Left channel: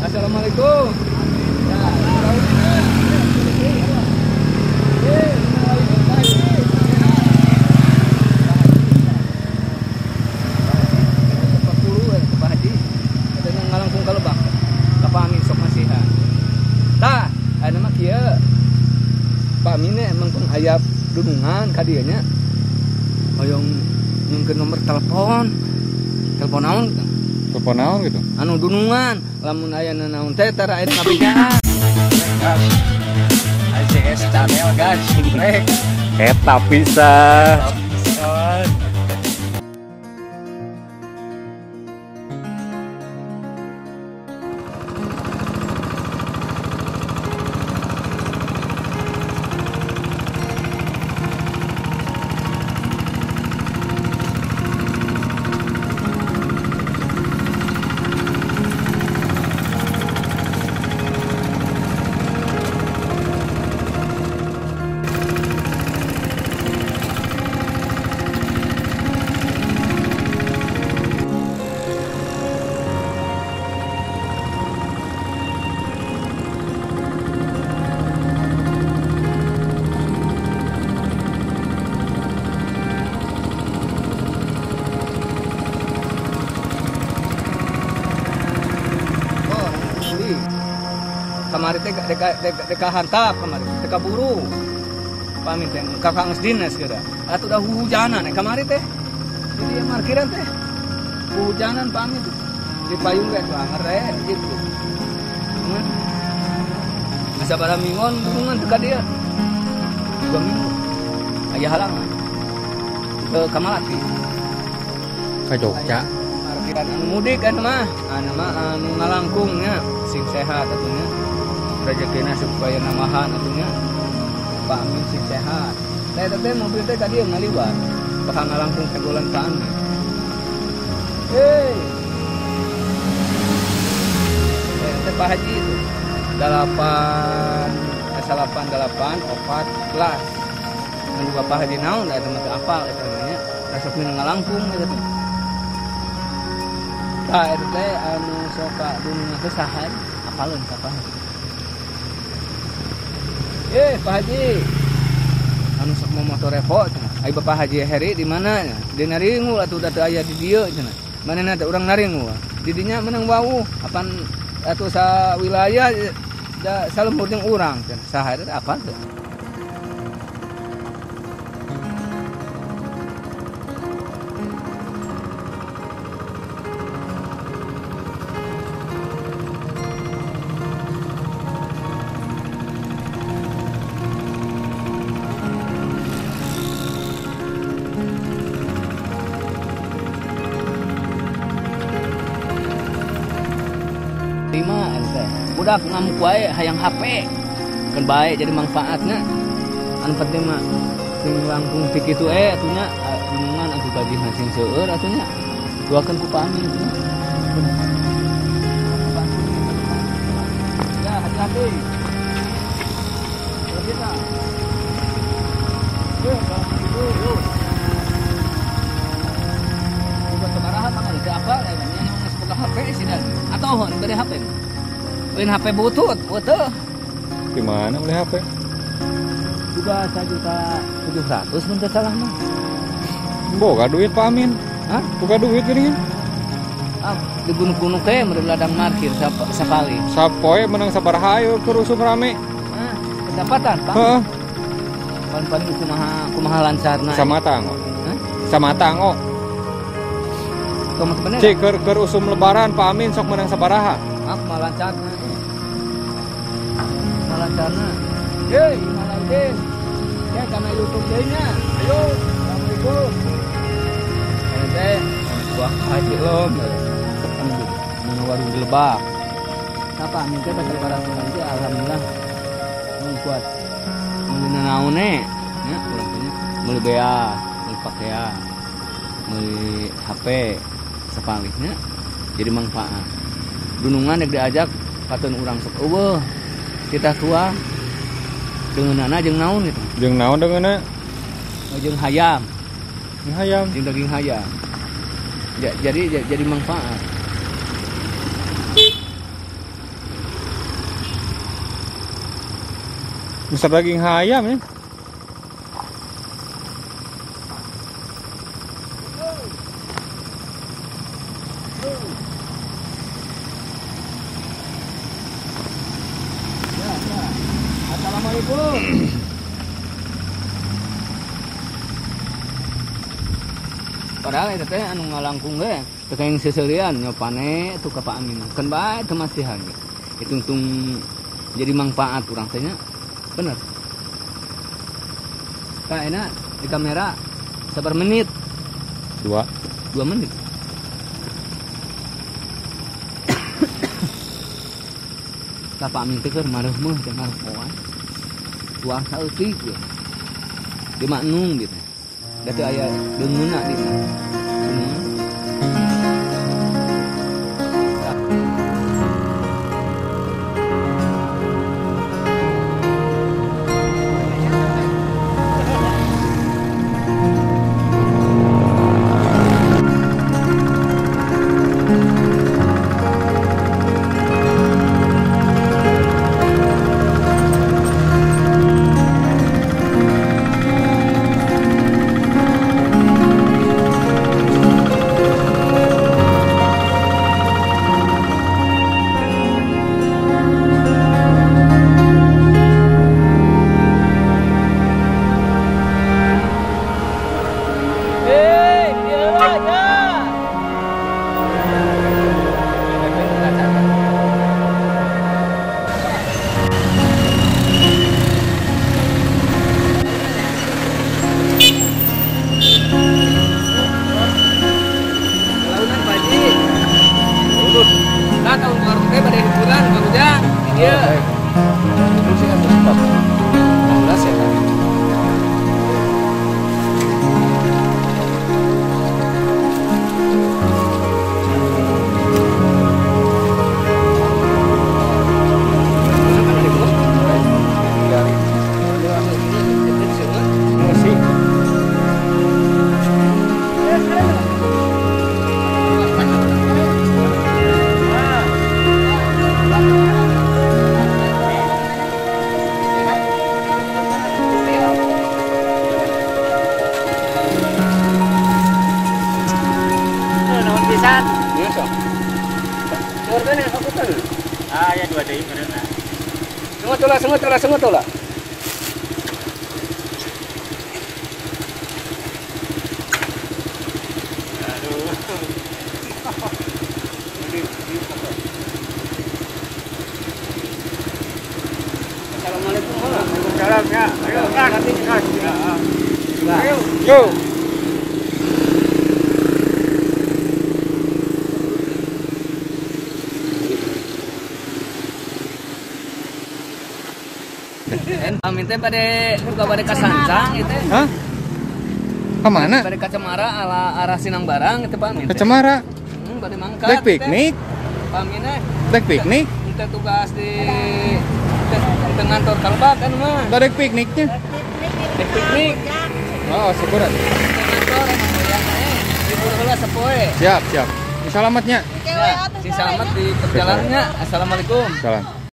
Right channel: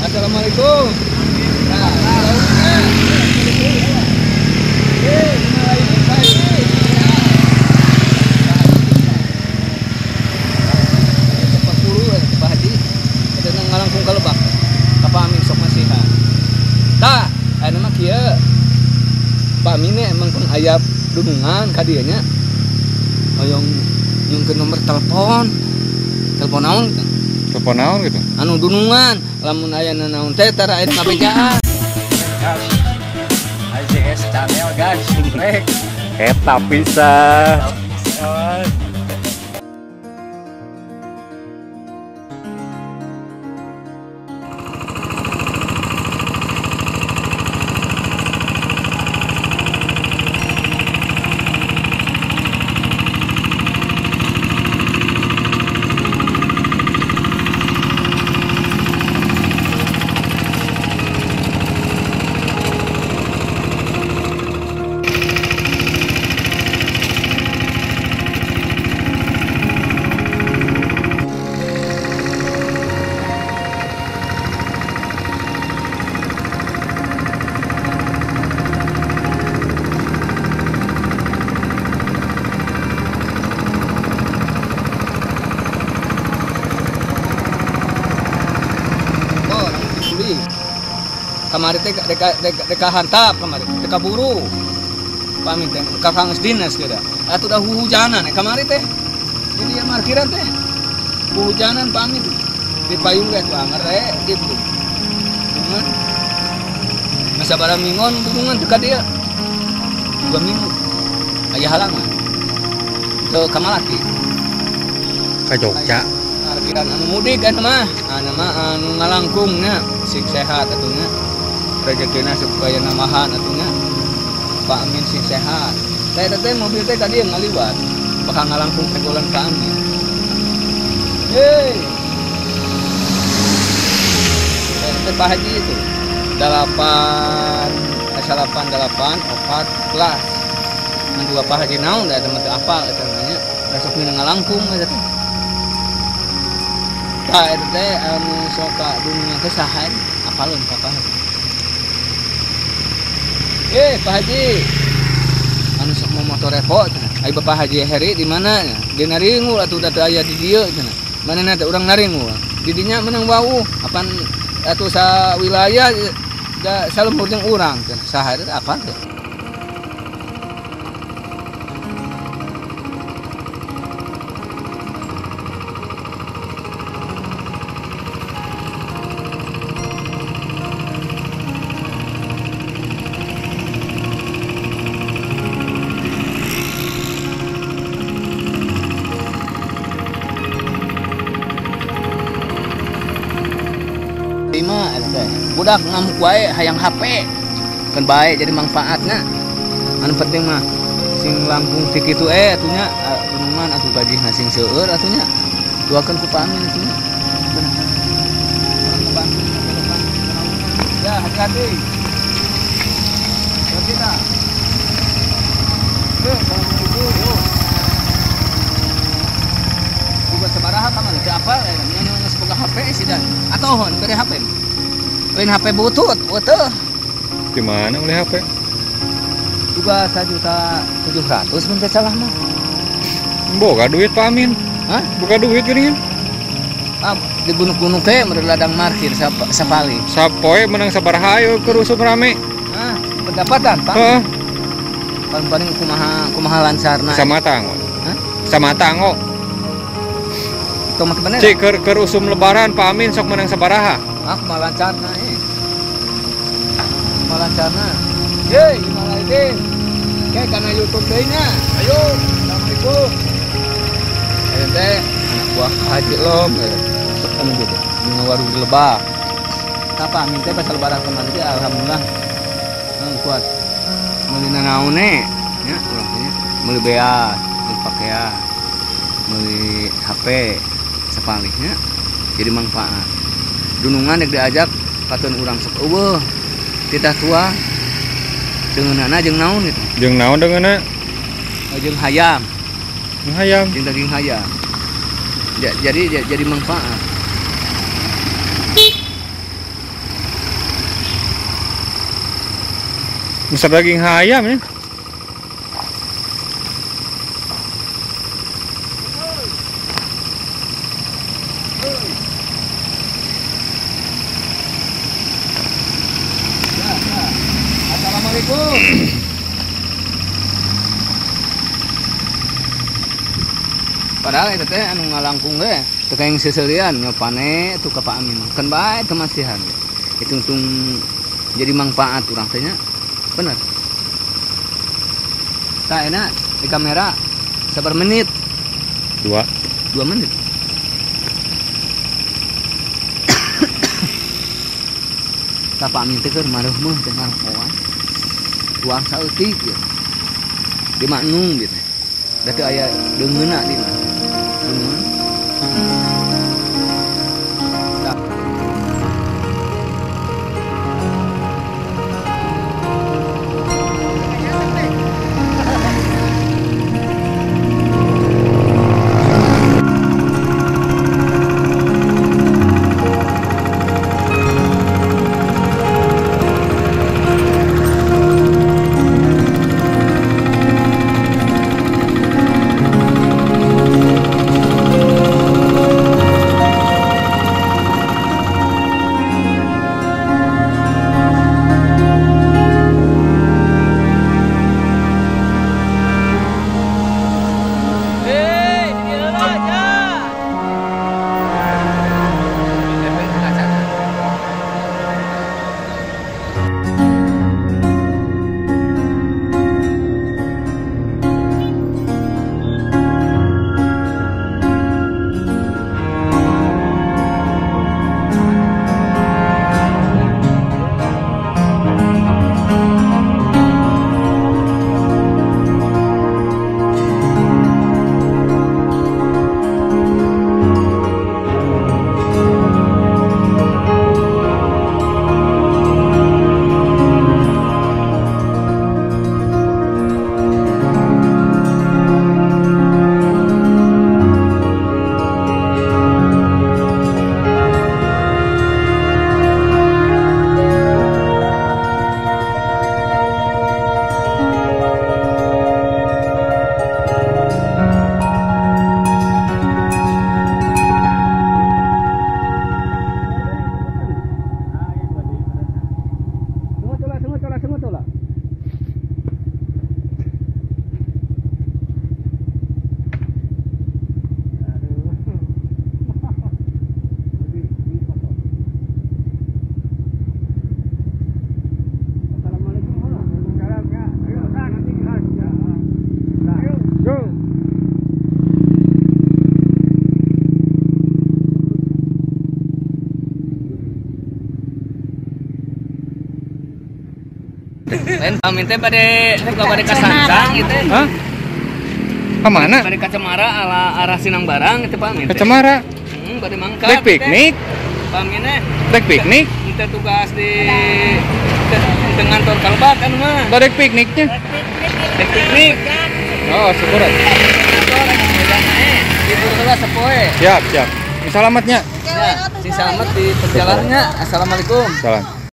Assalamualaikum. Ya, lauknya. Malah ini pagi. Ya. Cepat puluh, Pak Haji. Ada nang ngalangkung ka Lebak. Ka Amin sok masihan. Tah, aya mah kieu. Pak Amin emang peng aya dunungan ka dieu nya. Hoyong nyungkeun nomor telepon. Telepon naon gitu. Telepon naon gitu. Anu dunungan, lamun aya naon teh tara aya ngabejaan. Gas. AZS channel guys. Rek. Eta bisa. Kamari teh deka hantap kamari teh kaburu pamit teh kakang dinas kira atuh dah hujanan kamari teh jadi markiran teh hujanan pamit di payung ge tuh ngere gitu dungan masa bara mingon dungan teh ka dia 2 minggu aya halangan teu kamalaki Ka Jogja. markiran anu mudik anu mah anu ngalangkungnya sing sehat atunya rezekina supaya namahan atunya Pak Amin sing sehat. Saya teh mobil teh tadi yang ngaliwat, bakal ngalangkung tenggolan Pak Amin. Hei, teh Pak Haji itu 888 mendua Pak Haji naon da teman teh apal eta namanya resok mina ngalangkung eta teh. Tah eta teh anu sok ka dunia teh saha apaleun ka Pak Haji. Pak Haji, anu sok mau motor repot, ayo Bapak Haji Heri di mana? Di naringul atau data ayah di dia, cina. Mana nanti orang naringul? Di dinya menang wau, apan atau sa wilayah, da salembur jeung urang, cina. Sahari apa tuh? Lima teh budak ngamuk wae hayang HP kan baik jadi manfaatnya anu penting mah sing langkung tik itu atunya gunungan atuh gajihna sing seueur atunya duakeun ku Pak Amin atunya bener orang ngebantu depan ya hati-hati terus kita assalamualaikum juga sabaraha kamar teh apa anu geus boga HP sih dan atohon bere HP lain HP butut teu Di mana beli HP? juga 1.700.000 mun teh salah mah. Boga duit Pak Amin. Hah? Boga duit geuningan. Di gunung-gunung teh mere ladang markir sapali. Sapoe menang sabaraha ayo keur usum rame. Pendapatan Pak. Heeh. Paling kumaha lancarna. Samata ngo. Hah? Samata ngo. Itu mah bener. Cik keur usum lebaran Pak Amin sok menang sabaraha. Kumaha lancarna kumaha lancarna. Hei, Imalaidin. Kayak karena YouTube deh-nya. Ayo, assalamualaikum. Ayo teh, anak buah Haji Lom. Sok anu gitu. Bunga warung di Lebak. Apa Amin teh pas lebaran kemarin teh alhamdulillah kuat. Meuli naone nya urang teh meuli beas, meuli pakaian, meuli HP sapalihnya jadi manfaat. Dunungan yang diajak paten urang sok eueuh. Tidak tua deungeunana jeung naon gitu. Jeung naon deungeunna? Jeung hayam. Jeung hayam. Jeung daging hayam. Jadi manfaat. Besar daging hayam ya. Assalamualaikum. Padahal itu teh anu ngalangkung ge, teu kaeng seseurean ngapane tuh ka Pak Amin. Kan bae kemasihan. Hitung-hitung jadi manfaat urang teh nya. Bener. Tah enak di kamera sabar menit? 2 menit. Tah Pak Amin teh keur mareuh meuh teh ngaruh poan. Tuang saeutik ya. Di maknung gitu. Da teu aya deungeuna di mana. Deungeun. Sengot lah. Assalamualaikum. Waalaikumsalam ya. Ayo, nanti ayo. Yo. Lain Amin teh bade buka bade ka Sancang itu. Hah? Kemana? Bade ka Cemara arah Sinang Barang itu Pak Amin. Ke Cemara. Bade mangkat. Baik piknik. Pak Amin teh. Baik piknik. Kita tugas di kantor Kalbat kan mah. Bade pikniknya. Baik piknik. Oh, syukuran. Kantor libur heula sapoe. Siap. Selamatnya. Ya, sing selamat di perjalanannya. Assalamualaikum. Salam.